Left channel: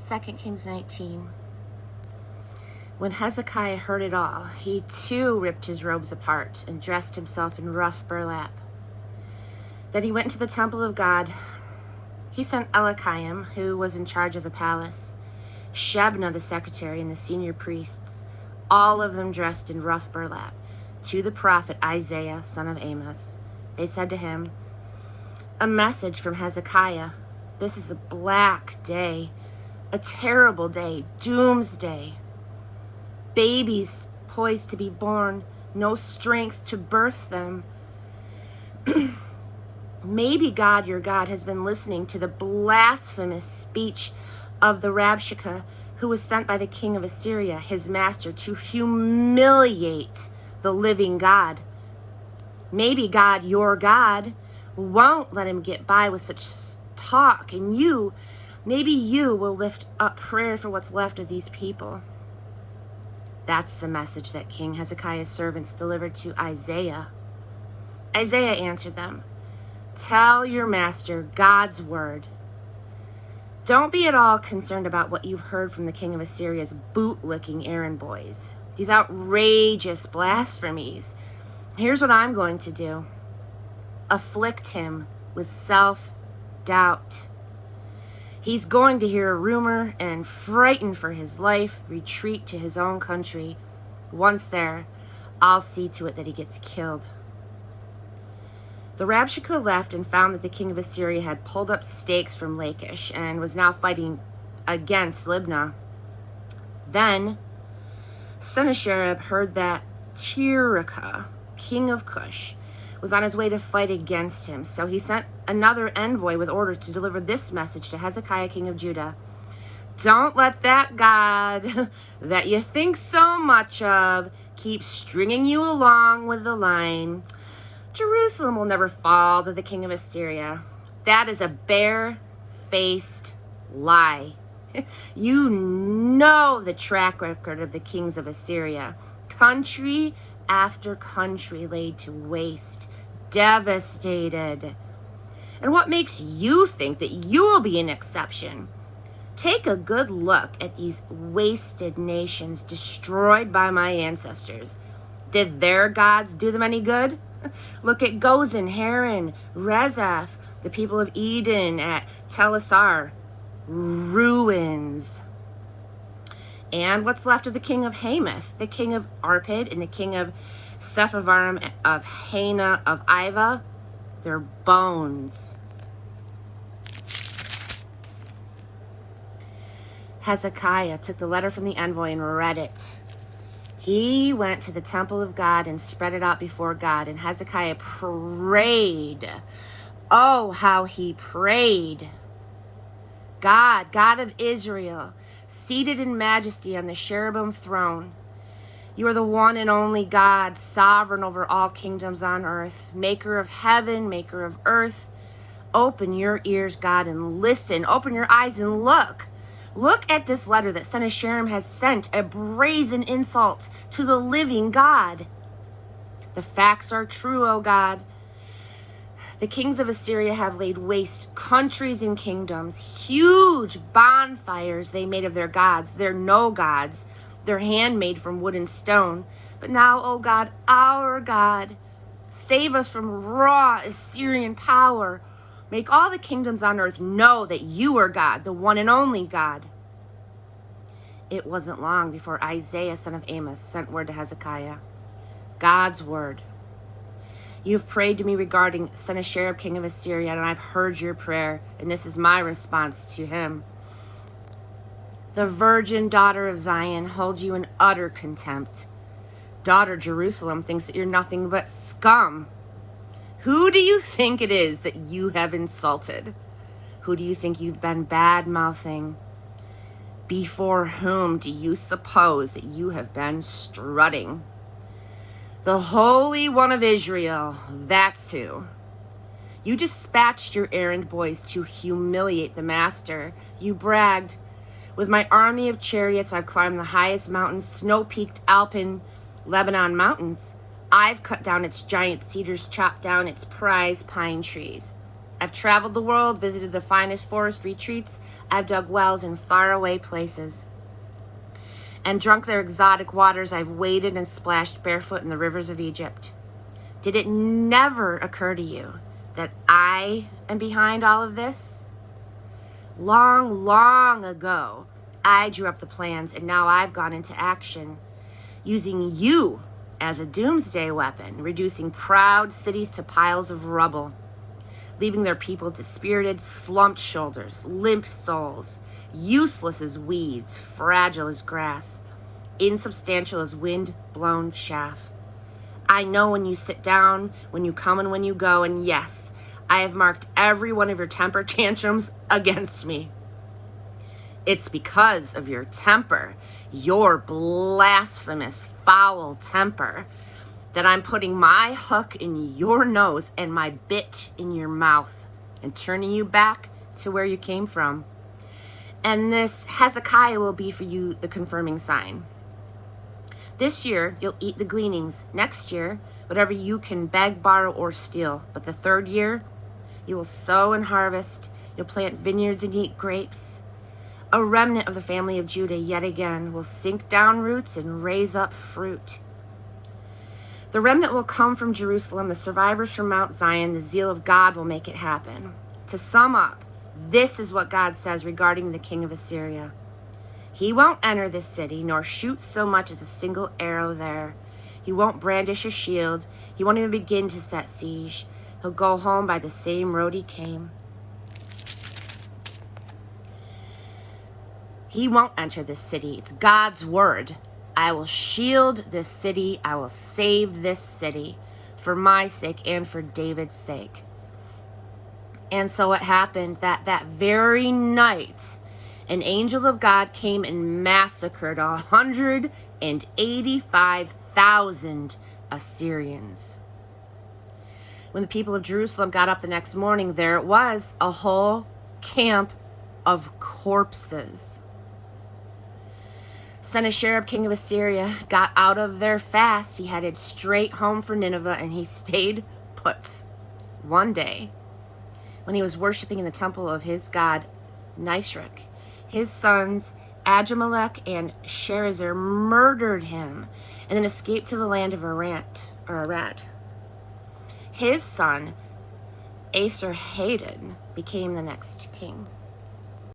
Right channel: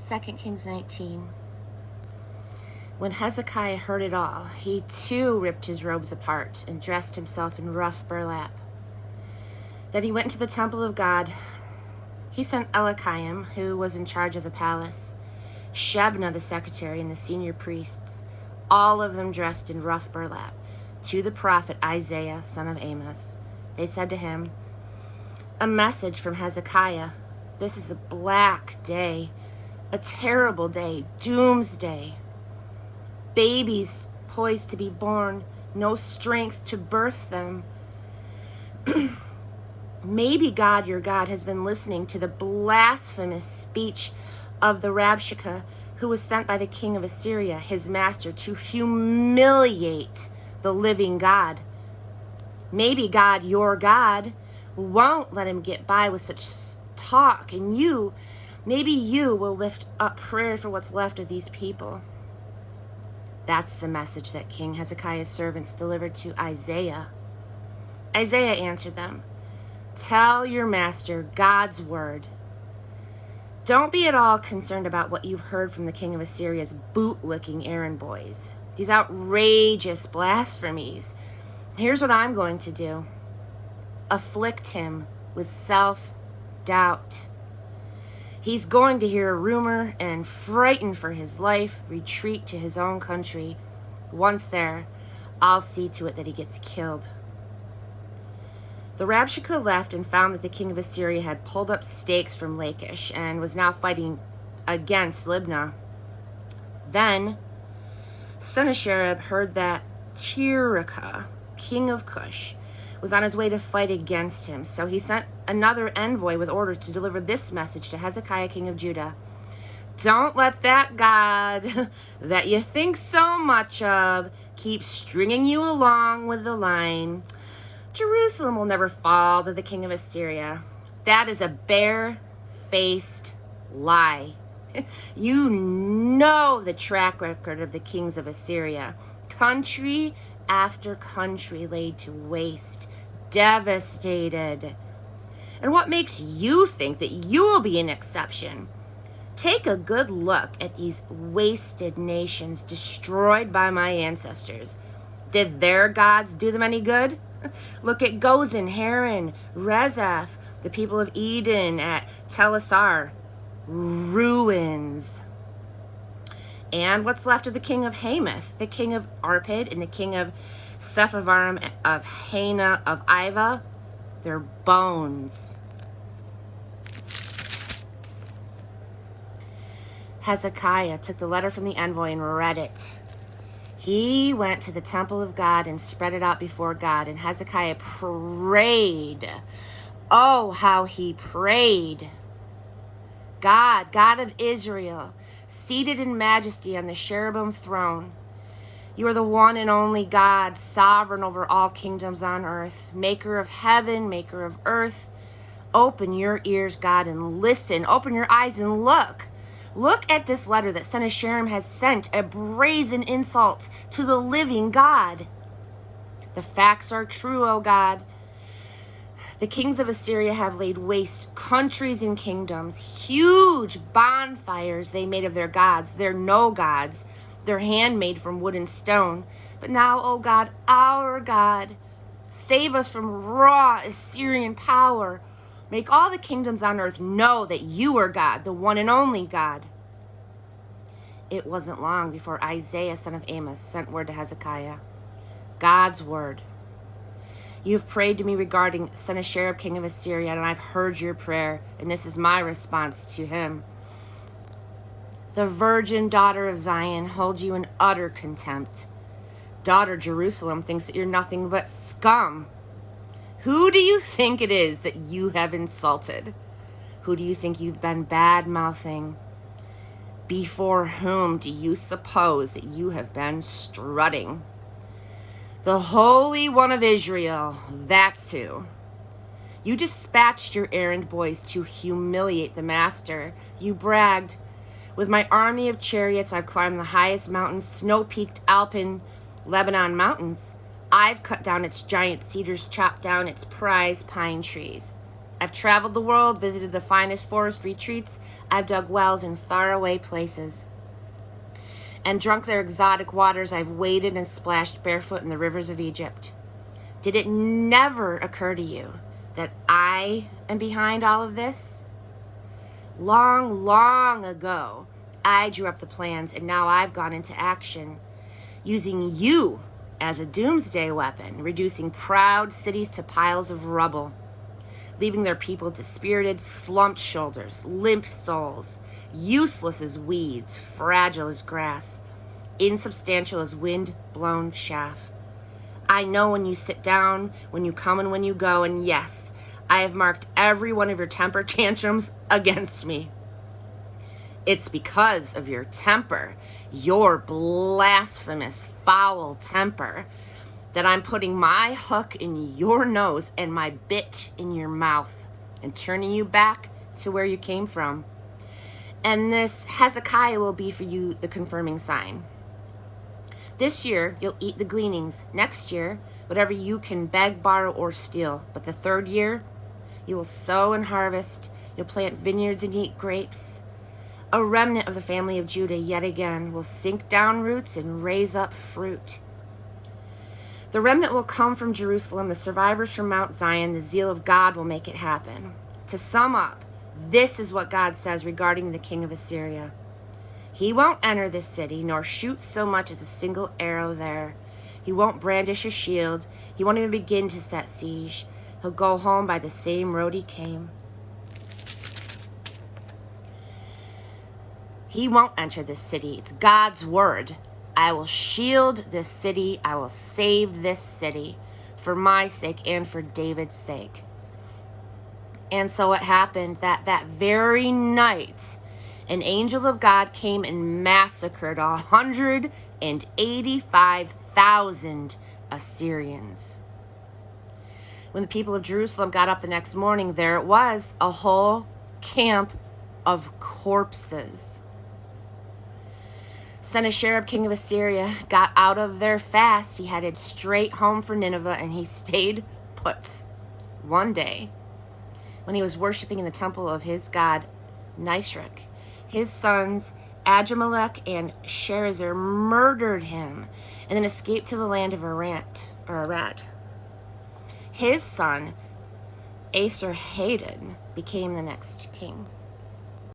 2 Kings 19. When Hezekiah heard it all, he too ripped his robes apart and dressed himself in rough burlap. Then he went into the temple of God. He sent Eliakim, who was in charge of the palace, Shebna the secretary, and the senior priests, all of them dressed in rough burlap, to the prophet Isaiah, son of Amos. They said to him, "A message from Hezekiah. This is a black day, a terrible day, doomsday. Babies poised to be born, no strength to birth them. Maybe God, your God, has been listening to the blasphemous speech of the Rabshakeh, who was sent by the king of Assyria, his master, to humiliate the living God. Maybe God, your God, won't let him get by with such talk, and maybe you will lift up prayer for what's left of these people." That's the message that King Hezekiah's servants delivered to Isaiah. Isaiah answered them, "Tell your master God's word. Don't be at all concerned about what you've heard from the king of Assyria's boot-licking errand boys, these outrageous blasphemies. Here's what I'm going to do. Afflict him with self-doubt. He's going to hear a rumor and, frightened for his life, retreat to his own country. Once there, I'll see to it that he gets killed." The Rabshakeh left and found that the king of Assyria had pulled up stakes from Lachish and was now fighting against Libnah. Then Sennacherib heard that Tirhakah, king of Cush, was on his way to fight against him. So he sent another envoy with orders to deliver this message to Hezekiah, king of Judah. "Don't let that God that you think so much of keep stringing you along with the line. Jerusalem will never fall to the king of Assyria. That is a bare-faced lie. You know the track record of the kings of Assyria. Country after country laid to waste, devastated. And what makes you think that you will be an exception? Take a good look at these wasted nations destroyed by my ancestors. Did their gods do them any good? Look at Gozan, Haran, Rezeph, the people of Eden at Telassar. Ruins. And what's left of the king of Hamath, the king of Arpad, and the king of Sepharvaim, of Hena, of Iva? Their bones." Hezekiah took the letter from the envoy and read it. He went to the temple of God and spread it out before God, and Hezekiah prayed. Oh, how he prayed. "God, God of Israel, seated in majesty on the cherubim throne, you are the one and only God, sovereign over all kingdoms on earth, maker of heaven, maker of earth. Open your ears, God, and listen. Open your eyes and look. Look at this letter that Sennacherib has sent, a brazen insult to the living God. The facts are true, O God. The kings of Assyria have laid waste countries and kingdoms, huge bonfires they made of their gods. They're no gods. They're handmade from wood and stone. But now, O God, our God, save us from raw Assyrian power. Make all the kingdoms on earth know that you are God, the one and only God." It wasn't long before Isaiah, son of Amos, sent word to Hezekiah. God's word. "You have prayed to me regarding Sennacherib, king of Assyria, and I've heard your prayer, and this is my response to him. The virgin daughter of Zion holds you in utter contempt. Daughter Jerusalem thinks that you're nothing but scum. Who do you think it is that you have insulted? Who do you think you've been bad-mouthing? Before whom do you suppose that you have been strutting? The Holy One of Israel, that's who. You dispatched your errand boys to humiliate the master. You bragged, 'With my army of chariots, I've climbed the highest mountains, snow-peaked Alpine Lebanon mountains. I've cut down its giant cedars, chopped down its prize pine trees. I've traveled the world, visited the finest forest retreats. I've dug wells in faraway places and drunk their exotic waters. I've waded and splashed barefoot in the rivers of Egypt. Did it never occur to you that I am behind all of this? Long, long ago, I drew up the plans, and now I've gone into action, using you as a doomsday weapon, reducing proud cities to piles of rubble, leaving their people dispirited, slumped shoulders, limp souls, useless as weeds, fragile as grass, insubstantial as wind-blown chaff. I know when you sit down, when you come and when you go, and yes, I have marked every one of your temper tantrums against me. It's because of your temper, your blasphemous, foul temper, that I'm putting my hook in your nose and my bit in your mouth and turning you back to where you came from. And this Hezekiah will be for you the confirming sign. This year, you'll eat the gleanings. Next year, whatever you can beg, borrow, or steal. But the third year, you will sow and harvest. You'll plant vineyards and eat grapes. A remnant of the family of Judah yet again will sink down roots and raise up fruit. The remnant will come from Jerusalem, the survivors from Mount Zion. The zeal of God will make it happen. To sum up, this is what God says regarding the king of Assyria. He won't enter this city, nor shoot so much as a single arrow there. He won't brandish a shield. He won't even begin to set siege. He'll go home by the same road he came. He won't enter this city. It's God's word. I will shield this city. I will save this city for my sake and for David's sake. And so it happened that very night, an angel of God came and massacred 185,000 Assyrians. When the people of Jerusalem got up the next morning, there it was, a whole camp of corpses. Sennacherib, king of Assyria, got out of their fast. He headed straight home for Nineveh, and he stayed put. One day, when he was worshiping in the temple of his god Nisroch, his sons Adrammelech and Sharezer murdered him and then escaped to the land of Arat. His son Esarhaddon became the next king.